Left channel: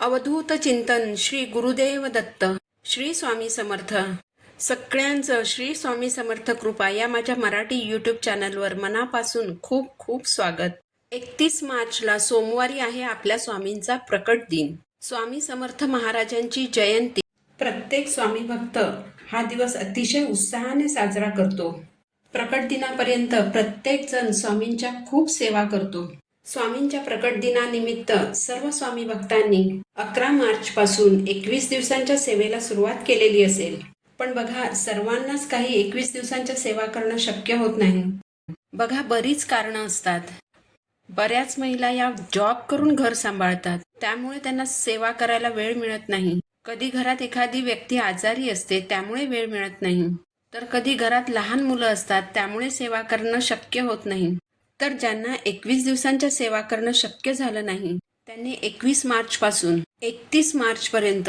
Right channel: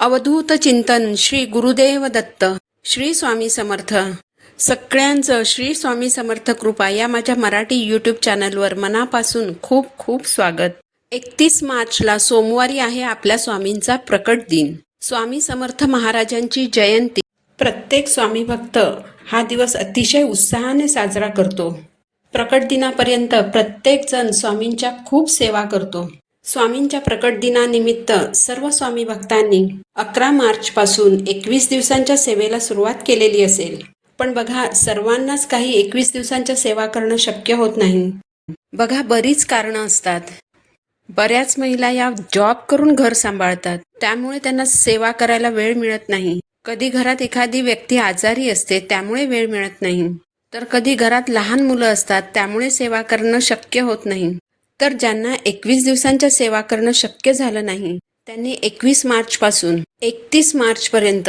अवधूत चिंतन श्री गुरुदेव दत्त. श्री स्वामी समर्थ. सगळ्यांचं श्री स्वामी समर्थ कृपा या माझ्या मराठी यूट्यूब चॅनलवर मनापासून खूप खूप स्वागत. 31 मार्चला सोमवारी आहे आपल्या स्वामींचा प्रकट दिन. स्वामी समर्थ महाराजांची जयंती. प्रत्येक स्वामी भक्त हा दिवस अतिशय उत्साहाने साजरा करतो. प्रकट दिनापर्यंत प्रत्येक जण स्वामींच्या खूप सेवा करतो. स्वामींच्या प्रकट दिनानिमित्त सर्व स्वामी भक्तांनी 11 मार्च पासून 21 दिवसांच्या सेवेला सुरुवात केलेली असेल. पण बघा, सर्वांनाच काही 21 दिवसांच्या सेवा करणं शक्य होत नाही. बघा, बरीच कारणं असतात. बऱ्याच महिला या जॉब करून घर सांभाळतात, त्यामुळे त्यांना सेवा करायला वेळ मिळत नाही. कधी घरात एखादी व्यक्ती आजारी असते, त्यामुळे वेळ मिळत नाही. तर कधी घरात लहान मुलं असतात, त्यामुळे सेवा करणं शक्य होत नाही. तर ज्यांना 21 दिवसांच्या सेवा करणं शक्य झालं नाही, त्यांनी 21 मार्च पासून 31 मार्च पर्यंत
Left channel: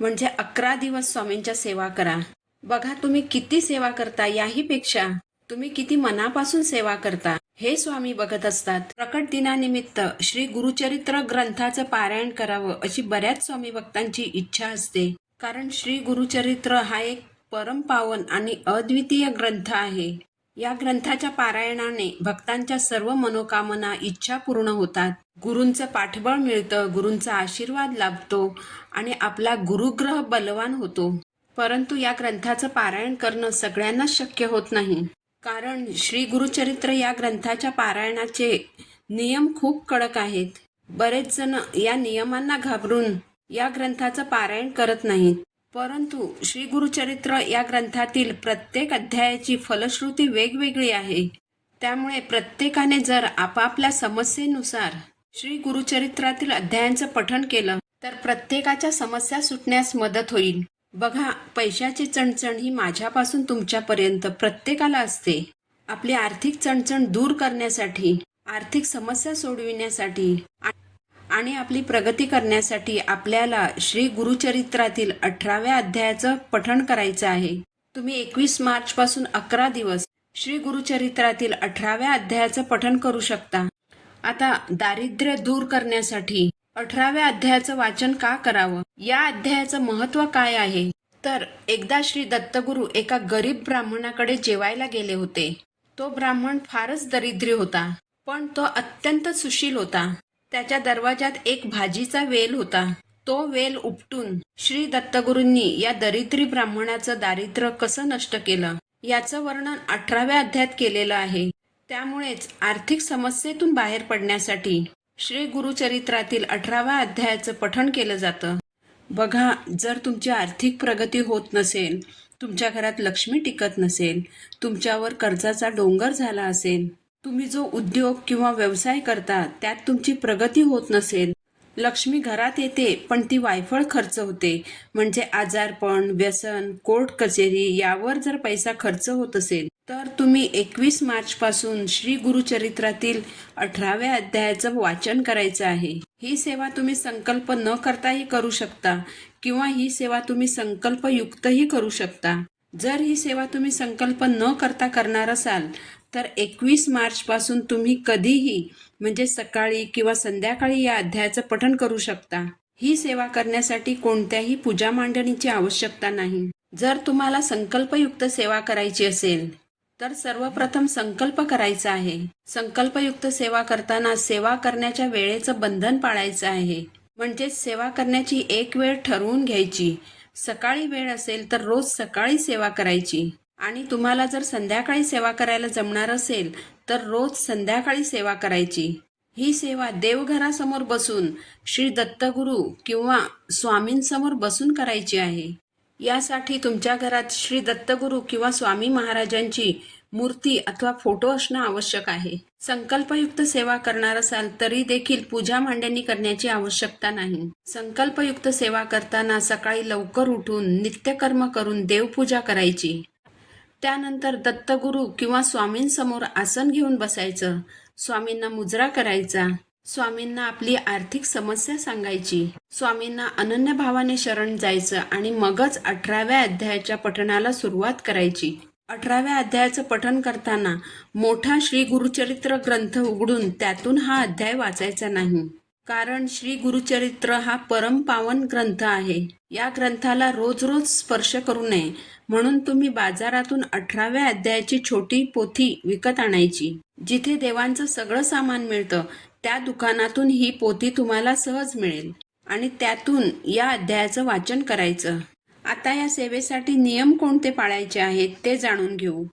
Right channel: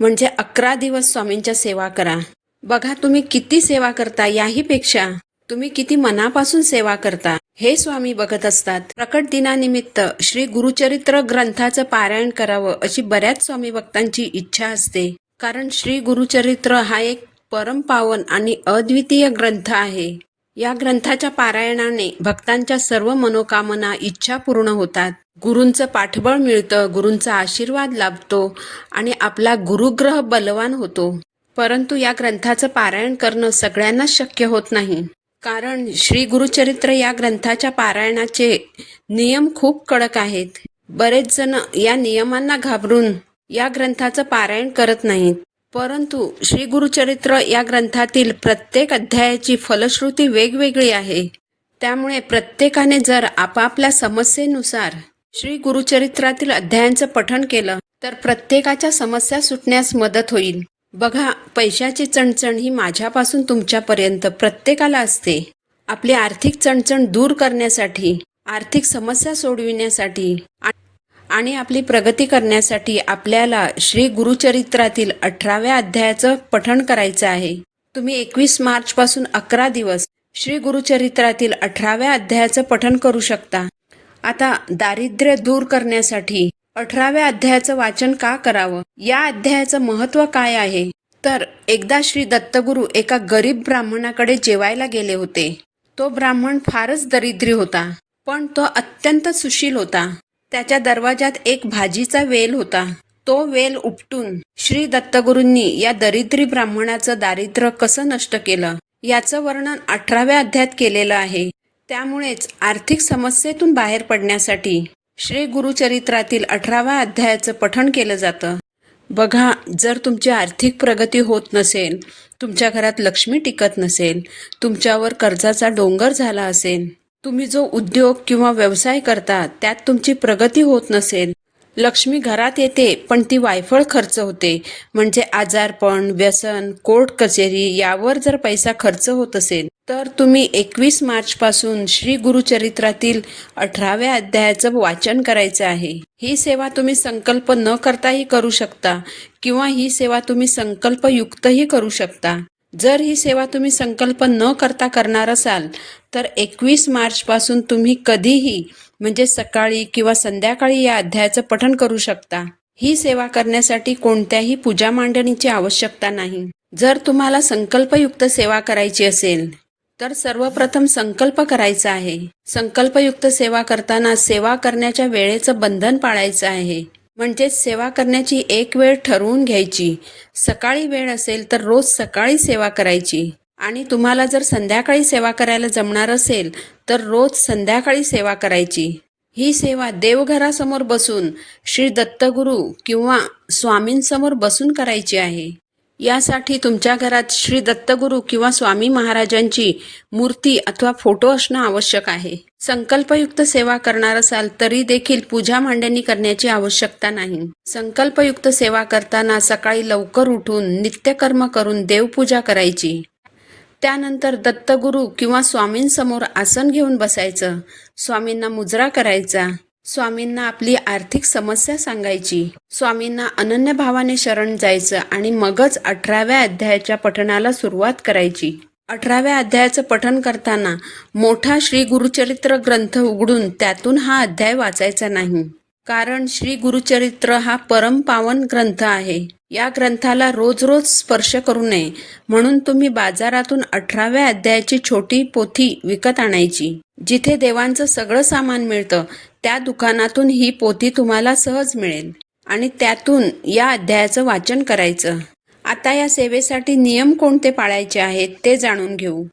म्हणजे 11 दिवस स्वामींच्या सेवा करा. बघा, तुम्ही किती सेवा करता याही पेक्षा तुम्ही किती मनापासून सेवा करता हे स्वामी बघत असतात. प्रकट दिनानिमित्त श्री गुरुचरित्र ग्रंथाचं पारायण करावं अशी बऱ्याच स्वामी भक्तांची इच्छा असते. कारण श्री गुरुचरित्र हा एक परमपावन आणि अद्वितीय ग्रंथ आहे. या ग्रंथाच्या पारायणाने भक्तांच्या सर्व मनोकामना, इच्छा पूर्ण होतात. गुरूंचं पाठबळ मिळतं, गुरूंचा आशीर्वाद लाभतो आणि आपला गुरुग्रह बलवान होतो. परंतु या ग्रंथाचं पारायण करणं सगळ्यांनाच शक्य होत नाही. कारण श्री गुरुचरित्र या ग्रंथाच्या पारायणाचे नियम खूप कडक आहेत. बरेच जण या नियमांना घाबरून या ग्रंथाचं पारायण करत नाहीत. परंतु श्री गुरुचरित्र या ग्रंथातील प्रत्येक अध्यायाची फलश्रुती वेगवेगळी आहे. त्यामुळे प्रत्येकाने जर आपापल्या समस्येनुसार श्री गुरुचरित्रातील अध्यायांचं पठण केलं तर प्रत्येकाच्या समस्या सुटण्यास मदत होईल. बघा, पैशाची चणचण ही माझ्यापासून तुमच्यापर्यंत प्रत्येकाला असते. आपली आर्थिक चणचण दूर करण्यासाठी, आर्थिक समस्या सोडविण्यासाठी आणि आपली प्रगती करण्यासाठी आपल्याला श्री गुरुचरित्रातील 18व्या अध्यायाचं पठण करायचं आहे. तुम्ही 21 मार्च पासून 11 दिवस श्री गुरुचरित्रातील 18व्या अध्यायाचं पठण करू शकता. आता दारिद्र्य दूर करण्यासाठी 18व्या अध्यायाचं वाचन का करावं, या अध्यायाचं महत्त्व काय आहे? तर एकदा श्री दत्तगुरू एका गरीब ब्राह्मणाकडे जेवायला गेले होते. तो ब्राह्मण फारच दरिद्री होता, पण तो अत्यंत सुशील होता. त्याच्या दरवाजात एक भाजीचा वेल होता. तो वेल उपटून श्री दत्तगुरूंनी या दरिद्री ब्राह्मणाचं दारिद्र्य कसं नष्ट केलं याचं वर्णन 18व्या अध्यायात केलेलं आहे. त्यामुळेच आर्थिक समस्येतून बाहेर पडण्यासाठी श्री गुरुचरित्रातील 18व्या अध्यायाचं पठण केलं जातं. बघा, जर तुमची आर्थिक प्रगती होत नसेल, तुमच्या घरात लक्ष्मी टिकत नसेल, तुमच्यावर कर्जाचा डोंगर झाला असेल, तुम्ही जो उद्योग किंवा व्यवसाय करता त्यात तुमची प्रगती होत नसेल, लक्ष्मी घरात येते पण ती वायफळ खर्च होते, म्हणजे आजारपण, व्यसन, कोर्ट कचेरी यावर जर पैसा खर्च होत असेल, तर तुम्ही 21 मार्च पासून श्री गुरुचरित्रातील 18व्या अध्यायाचं वाचन करायचं आहे. ही सेवा तुम्ही संकल्प न करताही करू शकता किंवा ही सेवा तुम्ही संकल्पयुक्तही करू शकता. जर ही सेवा तुम्ही संकल्प न करता करणार असाल तर 21 मार्च पासून तुम्ही कधीही म्हणजे सकाळी किंवा संध्याकाळी या अध्यायाचं पठण करू शकता. ही सेवा करण्यासाठी कोणत्याही पूजा मांडणीची आवश्यकता नाही. जर तुम्हाला संकल्पयुक्त सेवा करायची असेल तर सर्वप्रथम संकल्प करायचा आहे. संकल्पयुक्त सेवा करताना सेवा करण्याच्या वेळेचं बंधन पाळायचं आहे. म्हणजेच सेवा करण्याची एक वेळ ठरवून घ्यायची. सकाळी वेळ असेल तर रोज सकाळी सेवा करायची आणि तुम्हाला जर संध्याकाळी सेवा करायला जमणार असेल तर रोज संध्याकाळी सेवा करायची. ही सेवा देवघरासमोर बसून श्री दत्तगुरू किंवा स्वामींसमोर बसून करायची आहे. यासाठी तुमच्या घरात श्री दत्तगुरू किंवा स्वामी महाराजांची मूर्ती अथवा फोटो असणं आवश्यक आहे. संकल्पयुक्त सेवा करणार असाल तरी देखील पूजा मांडणी करण्याची आवश्यकता नाही. संकल्पयुक्त सेवा करताना सकाळी लवकर उठून नित्यकर्म करून देवपूजा करायची. त्यानंतर दत्तगुरू किंवा स्वामींसमोर आसन घेऊन बसायचं. स्वामींना मुजरा करायचा. स्वामींना आपली आर्थिक समस्या सांगायची. स्वामींना अनन्य भावाने शरण जायचं आणि मगच 18व्या अध्यायाच्या पठणाला सुरुवात करायची. 18व्या अध्यायाचं पठण करताना मोठा श्री गुरुचरित्र ग्रंथ उघडून त्यातून हा अध्याय वाचायचा नाही. कारण श्री गुरुचरित्र हा परम पावन ग्रंथ आहे. या ग्रंथाला रोज रोज स्पर्श करू नये म्हणून तुम्ही बाजारातून 18व्या अध्यायाची छोटी पोथी विकत आणायची. जिथे देवांचं सगळं सामान मिळतं त्या दुकानातून ही पोथी तुम्हाला सहज मिळेल आणि त्यातून या अध्यायाचं वाचन करायचं. आता या सेवेसाठी नियम कोणते पाळायचे आहेत ते जाणून घेऊ.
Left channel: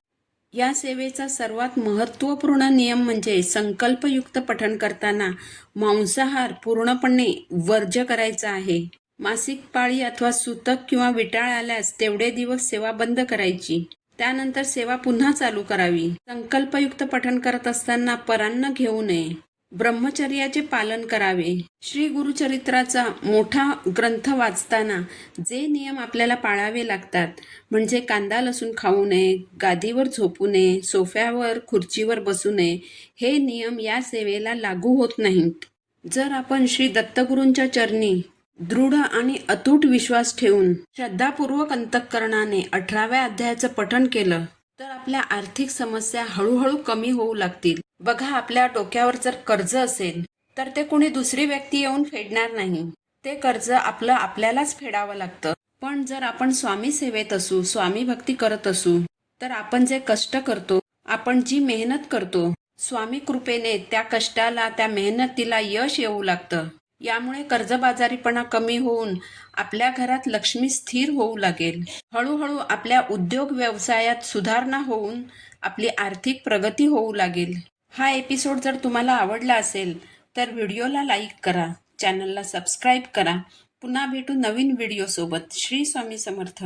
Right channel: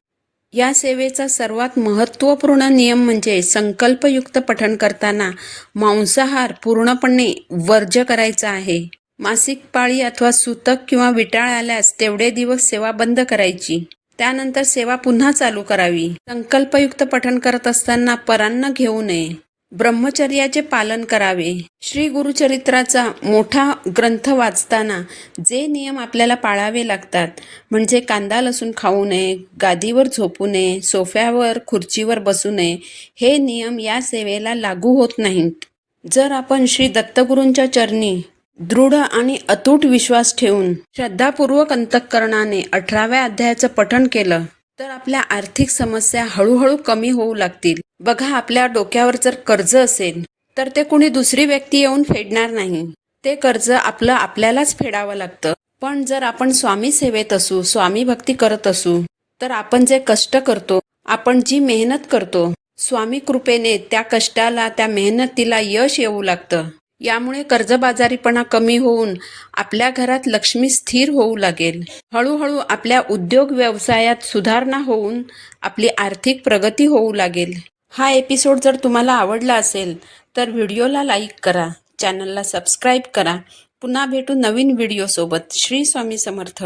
या सेवेचा सर्वात महत्त्वपूर्ण नियम म्हणजे संकल्पयुक्त पठण करताना मांसाहार पूर्णपणे वर्ज्य करायचा आहे. मासिक पाळी अथवा सूतक किंवा विटाळ आल्यास तेवढे दिवस सेवा बंद करायची. त्यानंतर सेवा पुन्हा चालू करावी. संकल्पयुक्त पठण करत असताना परान्न घेऊ नये. ब्रह्मचर्याचे पालन करावे. श्री गुरुचरित्राचा मोठा ग्रंथ वाचताना जे नियम आपल्याला पाळावे लागतात म्हणजे कांदा लसूण खाऊ नये, गादीवर झोपू नये, सोफ्यावर खुर्चीवर बसू नये, हे नियम या सेवेला लागू होत नाहीत. जर आपण श्री दत्तगुरूंच्या चरणी दृढ आणि अतूट विश्वास ठेवून श्रद्धापूर्वक अंतःकरणाने 18व्या अध्यायाचं पठण केलं तर आपल्या आर्थिक समस्या हळूहळू कमी होऊ लागतील. बघा, आपल्या डोक्यावर जर कर्ज असेल तर ते कुणी दुसरी व्यक्ती येऊन फेडणार नाही. ते कर्ज आपल्यालाच फेडावं लागतं. पण जर आपण स्वामी सेवेत असू, स्वामी भक्ती करत असू तर आपण जे कष्ट करतो, आपण जी मेहनत करतो, स्वामी कृपेने त्या कष्टाला, त्या मेहनतीला यश येऊ लागतं. यामुळे कर्जबाजारीपणा कमी होऊन आपल्या घरात लक्ष्मी स्थिर होऊ लागेल. हळूहळू आपल्या उद्योग व्यवसायात सुधारणा होऊन आपली आर्थिक प्रगती होऊ लागेल. हा एपिसोड जर तुम्हाला आवडला असेल तर व्हिडिओला लाईक करा, चॅनलला सबस्क्राईब करा. पुन्हा भेटू नवीन व्हिडिओसोबत. श्री स्वामी समर्थ.